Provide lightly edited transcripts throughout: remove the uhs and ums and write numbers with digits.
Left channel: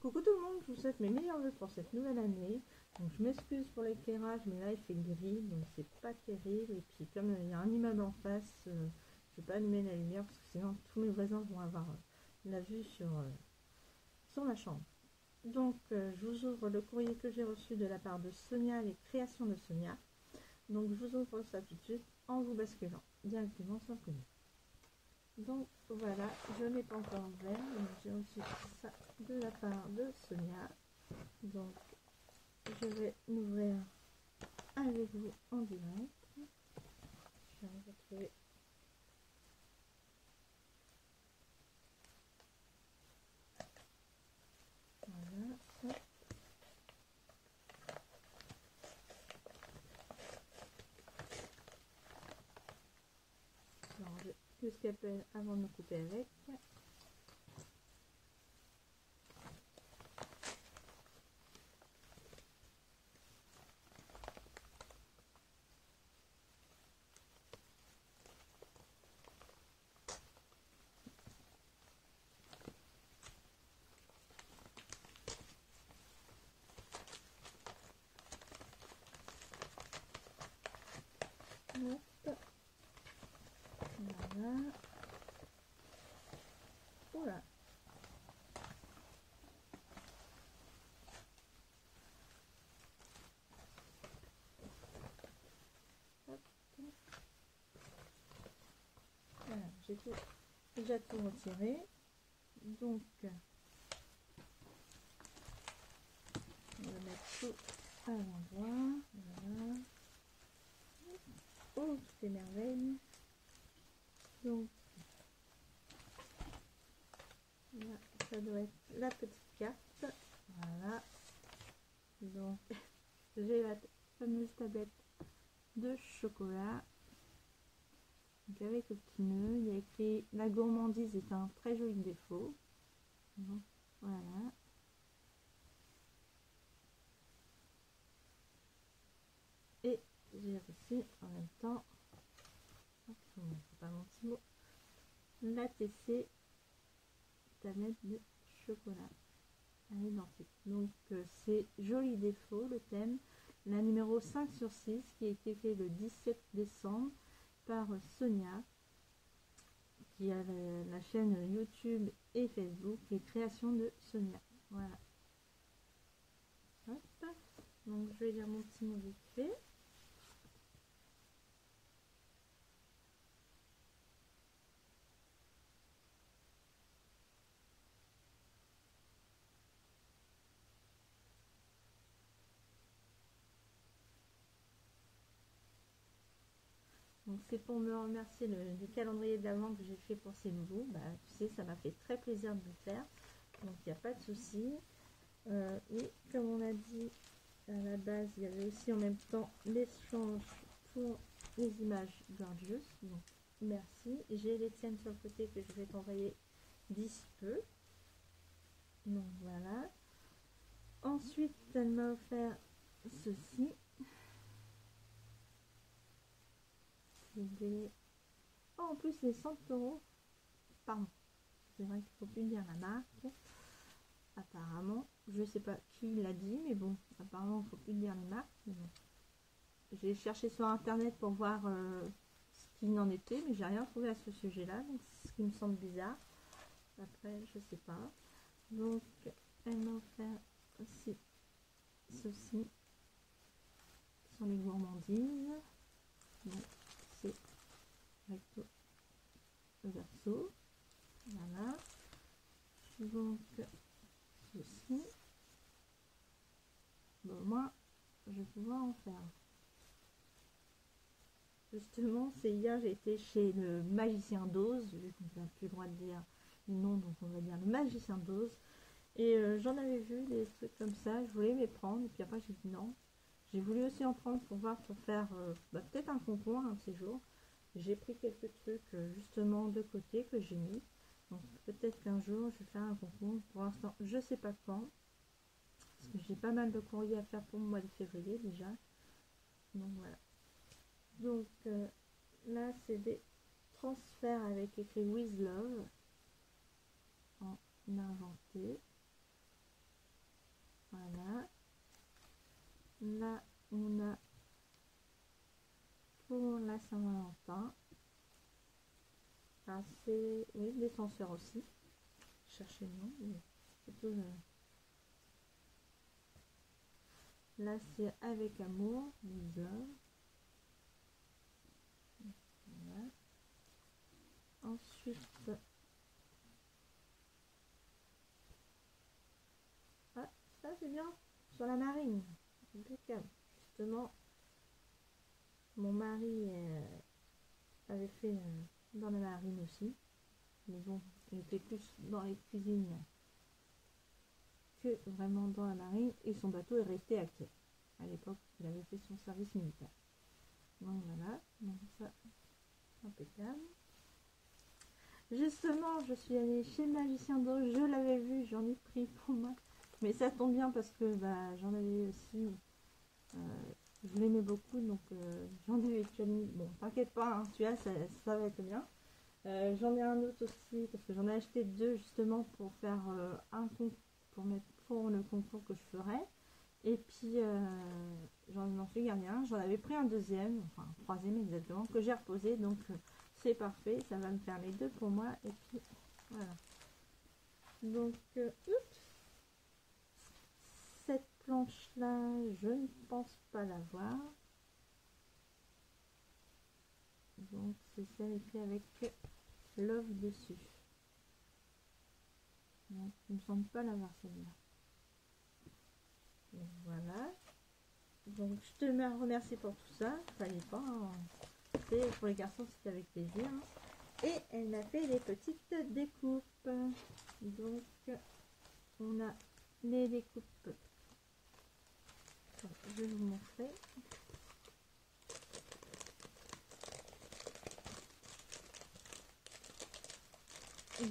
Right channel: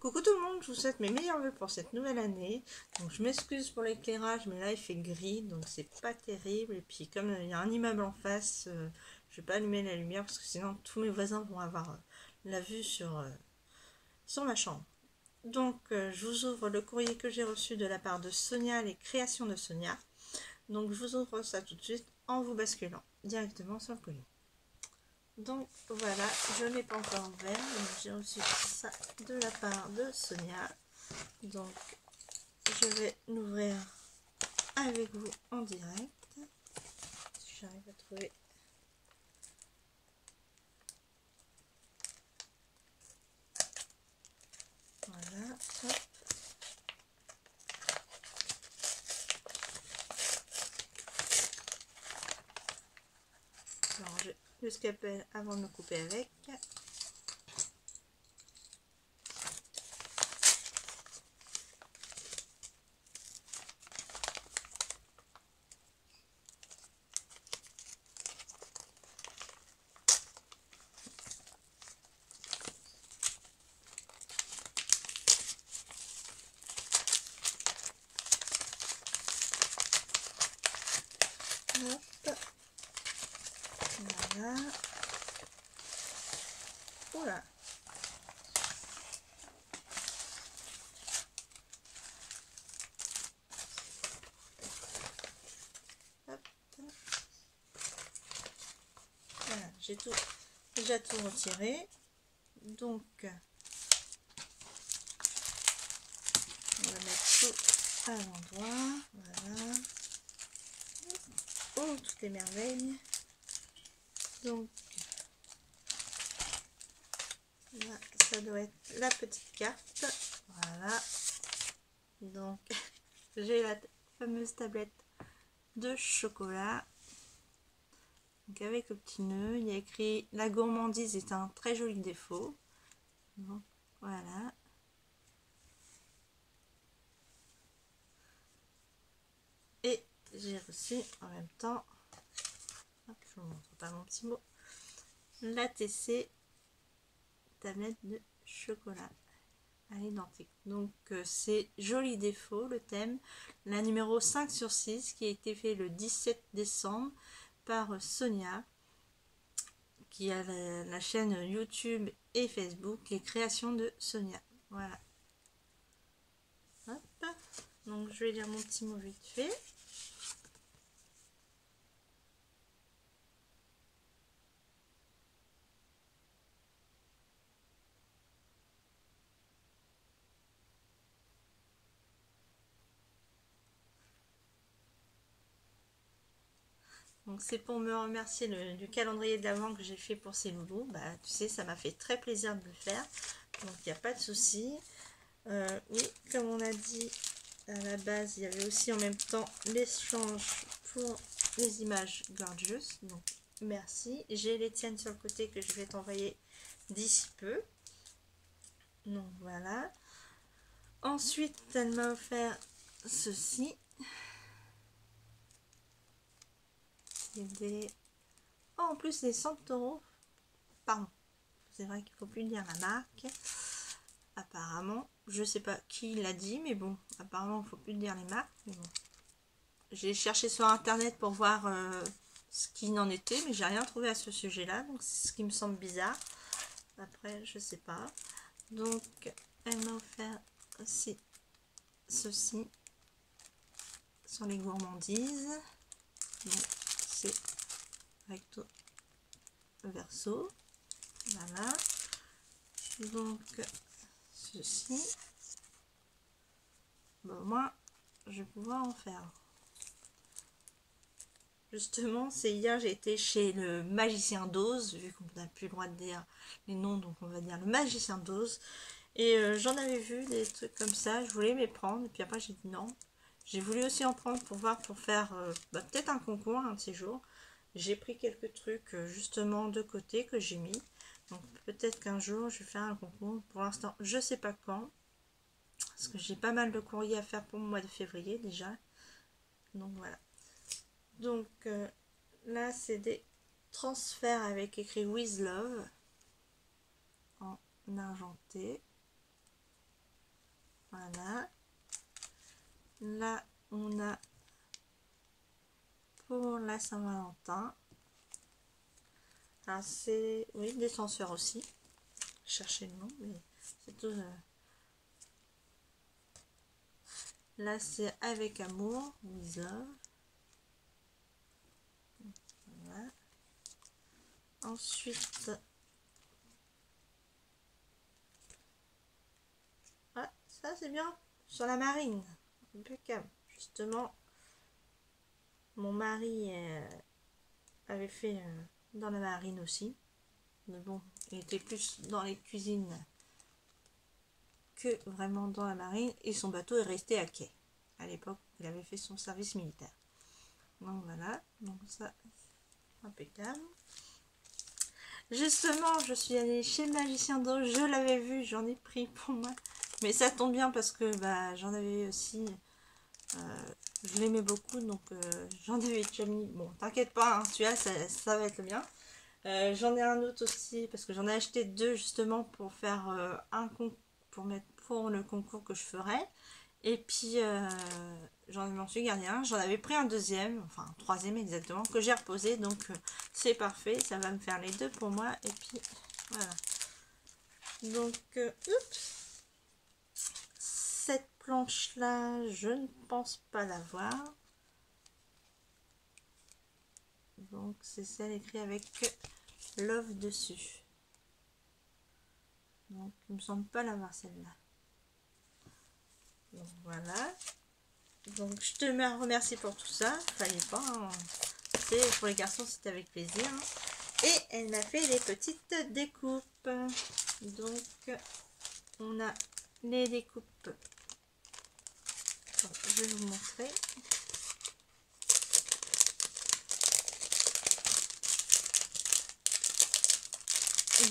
Coucou tout le monde, je vous souhaite mes meilleurs vœux pour cette nouvelle année. Donc je m'excuse pour l'éclairage, mais là il fait gris, donc c'est pas terrible. Et puis comme il y a un immeuble en face, je vais pas allumer la lumière parce que sinon tous mes voisins vont avoir la vue sur ma chambre. Donc je vous ouvre le courrier que j'ai reçu de la part de Sonia, les créations de Sonia. Donc je vous ouvre ça tout de suite en vous basculant directement sur le colis. Donc voilà, je n'ai pas encore ouvert, j'ai reçu ça de la part de Sonia. Donc je vais l'ouvrir avec vous en direct. Si j'arrive à trouver. Voilà, hop. Alors, je le scalpel avant de me couper avec. Hop. Voilà. Voilà. Hop. Voilà, j'ai déjà tout retiré. Donc, on va mettre tout à l'endroit. Voilà. Oh, toutes les merveilles. Donc, là, ça doit être la petite carte. Voilà. Donc, j'ai la fameuse tablette de chocolat. Donc avec le petit nœud, il y a écrit la gourmandise est un très joli défaut. Donc voilà. Et j'ai reçu en même temps, hop, je vous montre pas mon petit mot, la TC tablette de chocolat à l'identique. Donc c'est joli défaut le thème, la numéro 5/6 qui a été fait le 17 décembre par Sonia, qui a la chaîne YouTube et Facebook, les créations de Sonia. Voilà. Hop. Donc je vais lire mon petit mot vite fait. Donc c'est pour me remercier du calendrier de l'Avent que j'ai fait pour ces nouveaux. Bah tu sais, ça m'a fait très plaisir de le faire. Donc il n'y a pas de souci. Oui, comme on a dit à la base, il y avait aussi en même temps l'échange pour les images gorgeous. Donc merci. J'ai les tiennes sur le côté que je vais t'envoyer d'ici peu. Donc voilà. Ensuite, elle m'a offert ceci. Des... Oh, en plus, c'est 100 €. Pardon. C'est vrai qu'il faut plus dire la marque. Apparemment, je sais pas qui l'a dit, mais bon, apparemment, il faut plus dire les marques. Bon. J'ai cherché sur internet pour voir ce qu'il en était, mais j'ai rien trouvé à ce sujet-là, donc c'est ce qui me semble bizarre. Après, je sais pas. Donc, elle m'a offert aussi ceci sur les gourmandises. C'est recto verso. Voilà. Donc, ceci. Bon, moi, je vais pouvoir en faire. Justement, c'est hier, j'ai été chez le magicien d'Oz, vu qu'on n'a plus le droit de dire les noms, donc on va dire le magicien d'Oz. Et j'en avais vu des trucs comme ça, je voulais m'y prendre, et puis après j'ai dit non. J'ai voulu aussi en prendre pour voir, pour faire peut-être un concours un de ces jours. J'ai pris quelques trucs justement de côté que j'ai mis. Donc peut-être qu'un jour je vais faire un concours. Pour l'instant, je sais pas quand. Parce que j'ai pas mal de courriers à faire pour le mois de février déjà. Donc voilà. Donc là, c'est des transferts avec écrit With Love en argenté. la Saint-Valentin. Alors c'est, oui, des censeurs aussi. Cherchez le nom, mais c'est tout. Là c'est avec amour, with love. Voilà. Ensuite, ah, ça c'est bien, sur la marine, impeccable. Justement, mon mari avait fait dans la marine aussi, mais bon, il était plus dans les cuisines que vraiment dans la marine, et son bateau est resté à quai. À l'époque, il avait fait son service militaire. Donc voilà, donc ça, impeccable. Justement, je suis allée chez Magicien d'eau, je l'avais vu, j'en ai pris pour moi. Mais ça tombe bien parce que bah, j'en avais aussi, je l'aimais beaucoup, donc j'en avais déjà mis. Bon, t'inquiète pas, hein, celui-là, ça va être le mien. J'en ai un autre aussi parce que j'en ai acheté deux justement pour faire un concours, pour mettre pour le concours que je ferai. Et puis m'en suis gardé un, j'en avais pris un deuxième, enfin un troisième exactement, que j'ai reposé, donc c'est parfait, ça va me faire les deux pour moi. Et puis voilà, donc oups, cette planche là je ne pense pas l'avoir, donc c'est celle écrite avec love dessus, donc il me semble pas l'avoir celle-là. Donc voilà, donc je te remercie pour tout ça, fallait pas, hein. Pour les garçons c'était avec plaisir, hein. Et elle m'a fait les petites découpes, donc on a les découpes, donc, je vais vous montrer.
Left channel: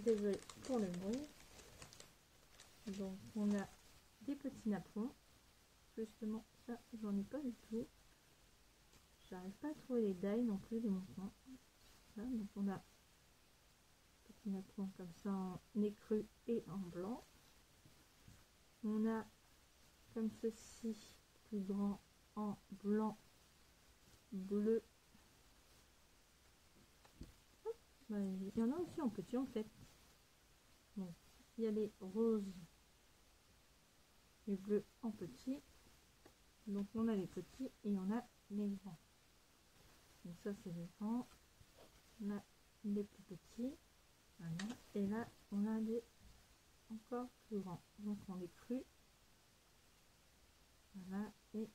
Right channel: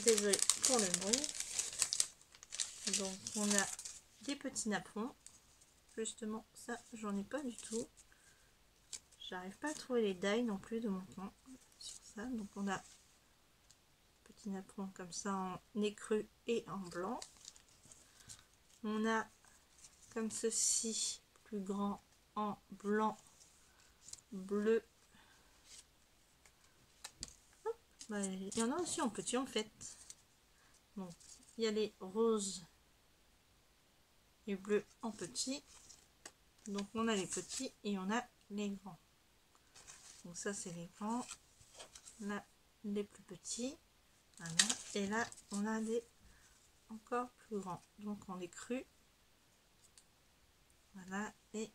Désolée pour le bruit. Donc on a des petits napperons. Justement, ça, j'en ai pas du tout. J'arrive pas à trouver les die non plus de mon coin sur ça. Donc on a petit napperon comme ça en écru et en blanc. On a comme ceci, plus grand en blanc, bleu. Bah, il y en a aussi en petit en fait. Donc il y a les roses et bleus en petit. Donc on a les petits et on a les grands. Donc ça c'est les grands, là les plus petits, voilà. Et là on a des encore plus grands, donc on les cru, voilà, et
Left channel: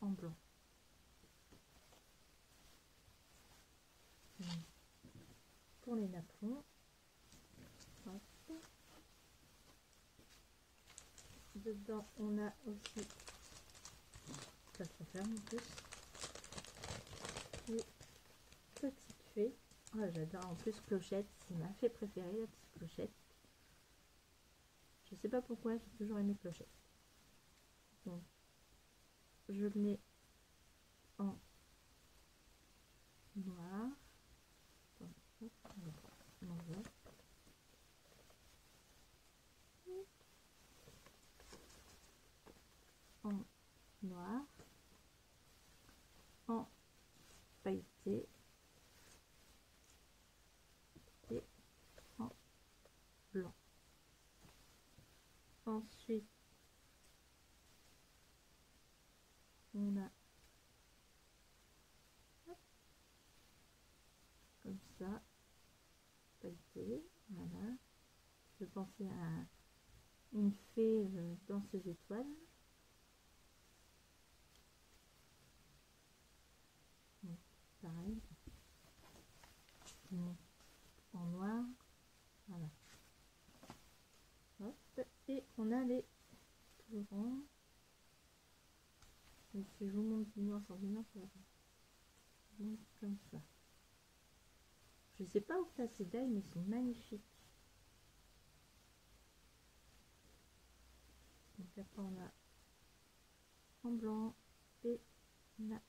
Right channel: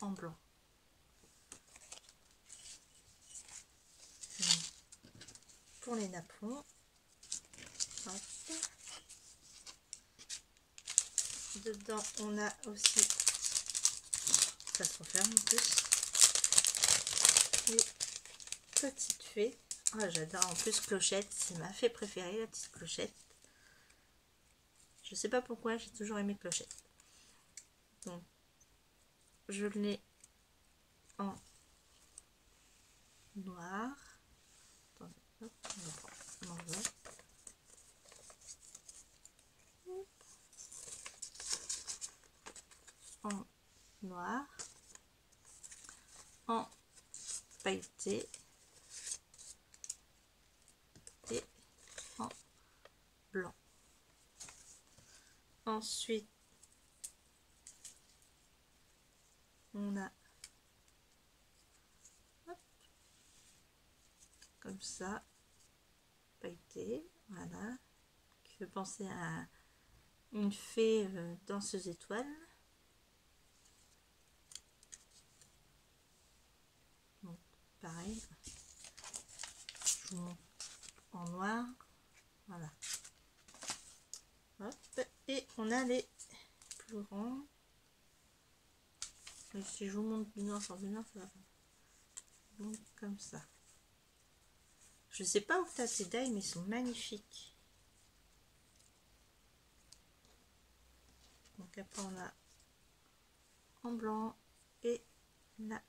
en blanc. Donc, pour les napperons, hop. Dedans on a aussi, ça se referme en plus, les petites fées. Ah, j'adore, en plus clochette, c'est ma fée préférée, la petite clochette. Je sais pas pourquoi, j'ai toujours aimé clochette. Donc je l'ai en noir. Attendez, hop, on envoie. En noir, en pailleté et en blanc. Ensuite on a, hop, comme ça, pailleté, voilà, qui fait penser à une fée danseuse étoile. Donc pareil, je vous montre en noir, voilà. Hop, et on a les plus grands. Et si je vous montre du noir sur du noir, ça va faire donc comme ça. Je sais pas où t'as ces die, mais ils sont magnifiques. Donc après on a en blanc et la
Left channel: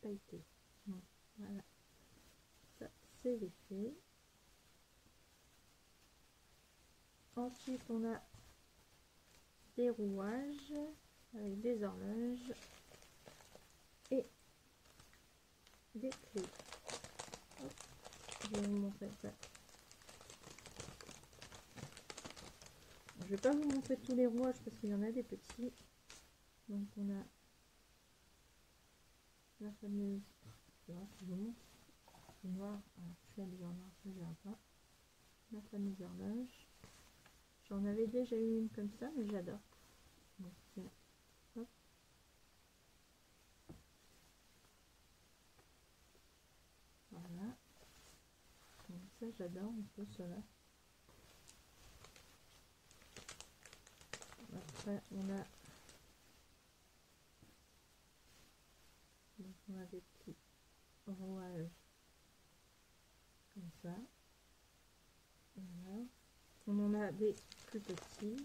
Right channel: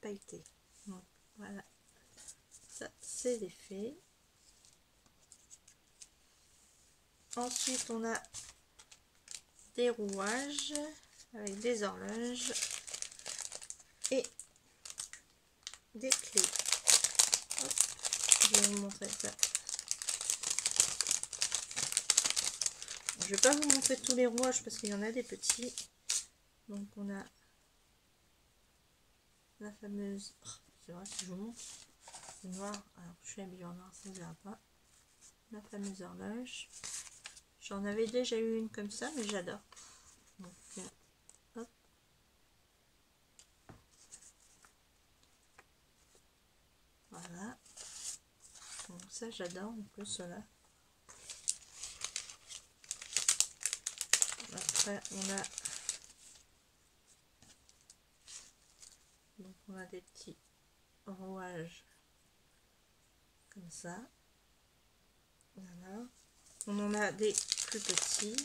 pailleté. Donc voilà, ça c'est les fées. Ensuite on a des rouages avec des horloges et des clés. Hop, je vais vous montrer ça. Je vais pas vous montrer tous les rouages parce qu'il y en a des petits. Donc on a la fameuse, c'est vrai que je vous montre noir, alors je suis habillée en noir, ça ne verra pas. La fameuse horloge. J'en avais déjà eu une comme ça, mais j'adore. Donc hop. Voilà. Donc ça j'adore un peu cela. Après on a des petits rouages comme ça. Voilà. On en a des plus petits.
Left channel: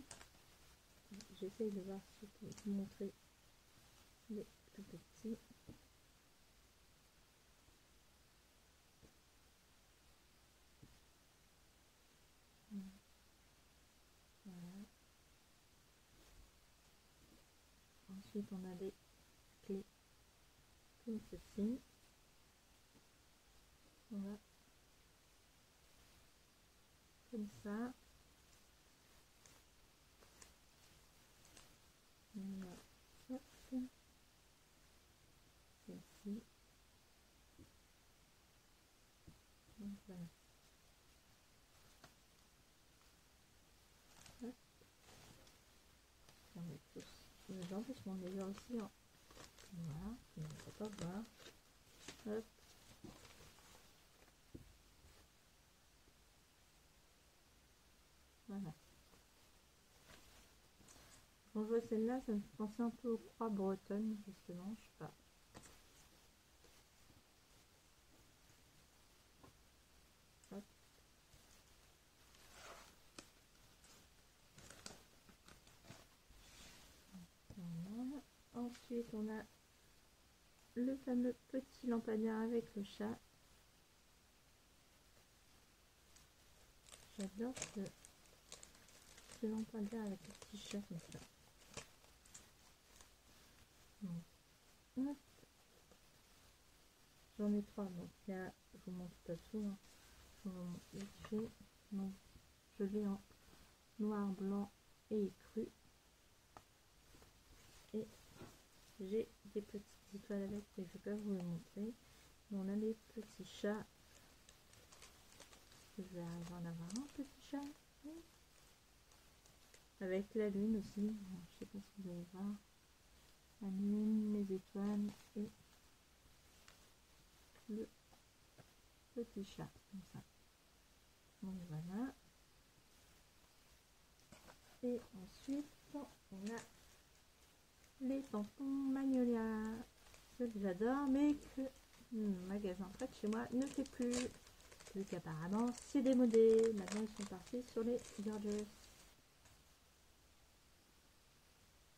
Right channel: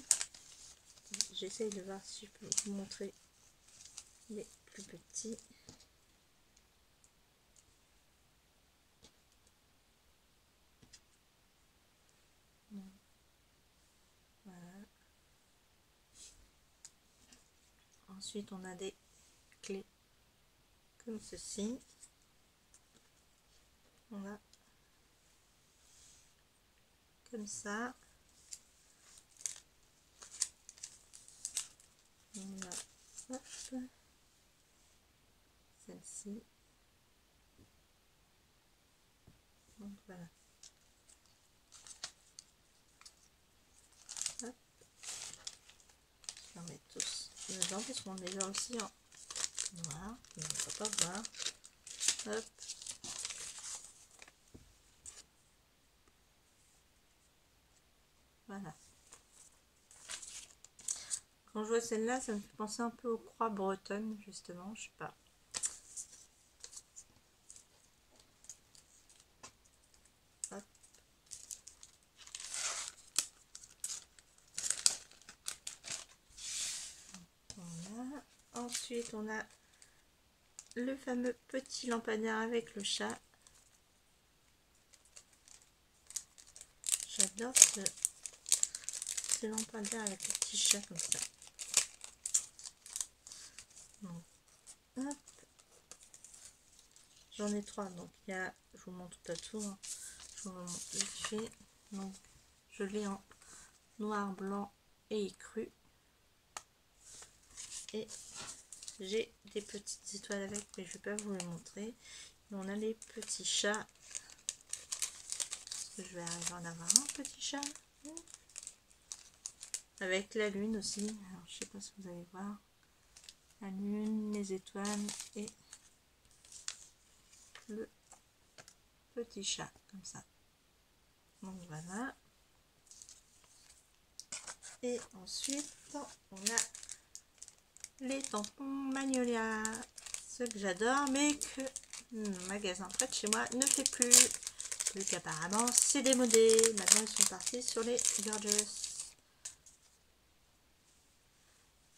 J'essaye de voir si je peux vous montrer les plus petits. Voilà. Ensuite, on a des clés comme ceci. On a comme ça. On a celle-ci. Donc voilà. Hop. Je vais en mettre tous dedans parce qu'on est là aussi en noir. On ne peut pas voir. Hop. Voilà. Quand je vois celle-là, ça me fait penser un peu aux croix bretonnes, justement, je sais pas. Hop. Voilà. Ensuite, on a le fameux petit lampadaire avec le chat. J'adore ce lampadaire avec le petit chat comme ça. J'en ai 3, donc il y a, je vous montre pas tout, hein. Je vous montre vite fait. Donc je l'ai en noir, blanc et écru. Et j'ai des petites étoiles avec, mais je vais pas vous les montrer. Et on a les petits chats. Je vais arriver à en avoir un petit chat. Avec la lune aussi. Alors je sais pas si vous allez voir. La lune, les étoiles et le petit chat comme ça. Donc voilà. Et ensuite on a les tampons Magnolia, ceux que j'adore mais que le magasin près de chez moi ne fait plus, vu qu'apparemment c'est démodé. Maintenant ils sont partis sur les Gorgeous.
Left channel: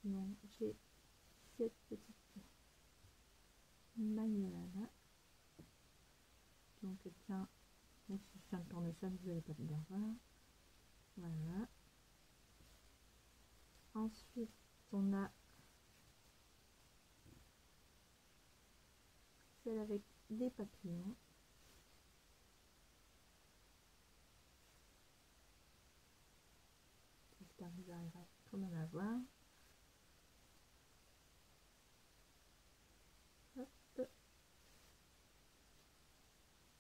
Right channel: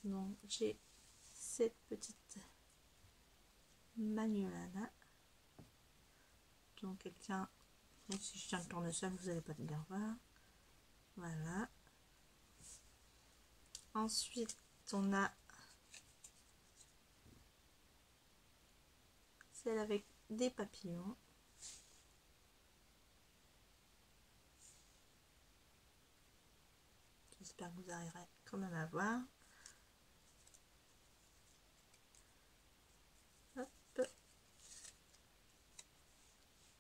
Donc j'ai cette petite Magnolia là. Donc elle tient, donc si je tiens le tournesol vous n'allez pas bien voir. Voilà. Ensuite on a celle avec des papillons. J'espère que vous arriverez quand même à voir. Hop.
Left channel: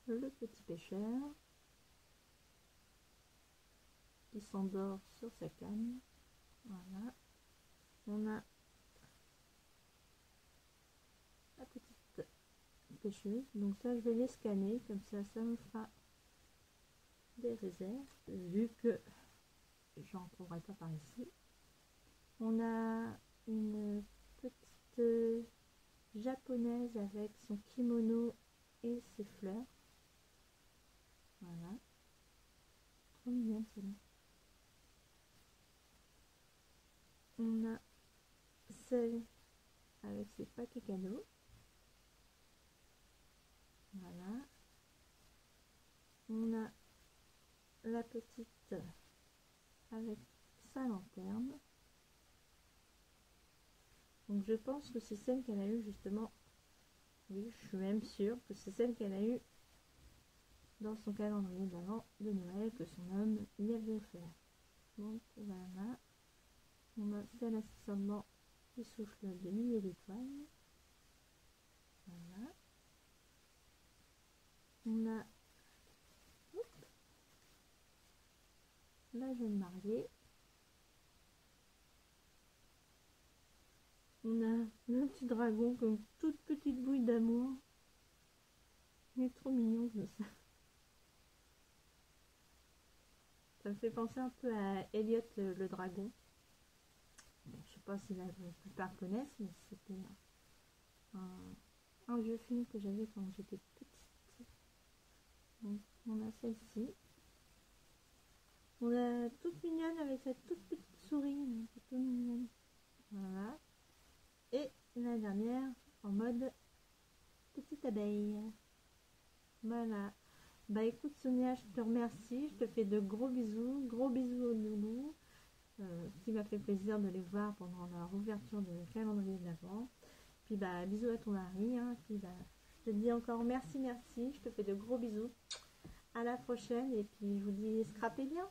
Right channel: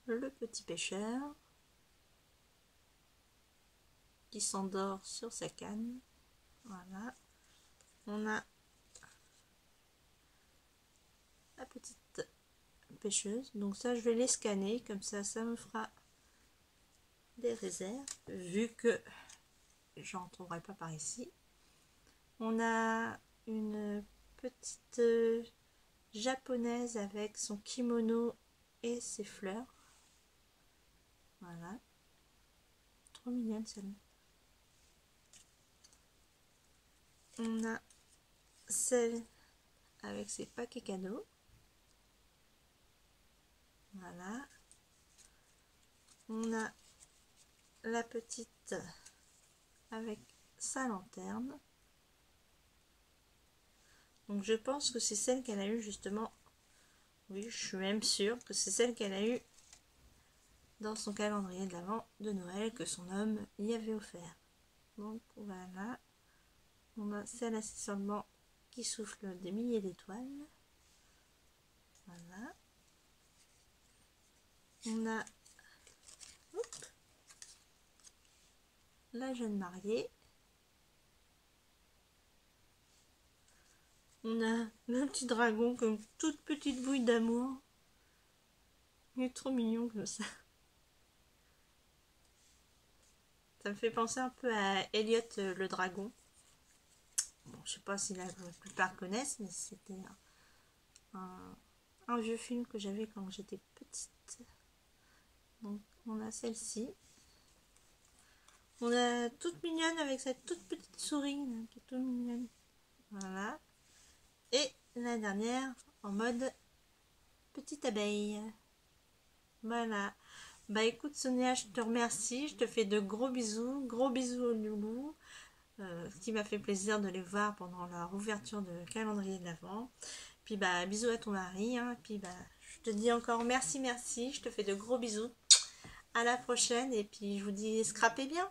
Le petit pêcheur qui s'endort sur sa canne. Voilà. On a la petite pêcheuse. Donc ça, je vais les scanner. Comme ça me fera des réserves. Vu que j'en trouverai pas par ici. On a une petite japonaise avec son kimono et ses fleurs. Voilà. Trop mignonne celle-là. On a celle avec ses paquets cadeaux. Voilà. On a la petite avec sa lanterne. Donc je pense que c'est celle qu'elle a eu justement Oui, je suis même sûre que c'est celle qu'elle a eue dans son calendrier de l'Avent de Noël que son homme y avait offert. Donc voilà, on a celle assise sur le banc qui souffle des milliers d'étoiles. Voilà. On a la jeune mariée. On a le petit dragon comme toute petite bouille d'amour. Il est trop mignon comme ça. Ça me fait penser un peu à Elliot le dragon. Bon, je sais pas si la plupart connaissent, mais c'était un vieux film que j'avais quand j'étais petite. Donc on a celle-ci. On a toute mignonne avec cette toute petite souris là, qui est toute mignonne. Voilà. Et la dernière en mode petite abeille. Voilà. Bah écoute Sonia, je te remercie. Je te fais de gros bisous. Gros bisous aux loulous. Ce qui m'a fait plaisir de les voir pendant leur ouverture de calendrier de l'Avent. Puis bah bisous à ton mari. Hein. Puis bah je te dis encore merci. Je te fais de gros bisous. À la prochaine et puis je vous dis scrapez bien.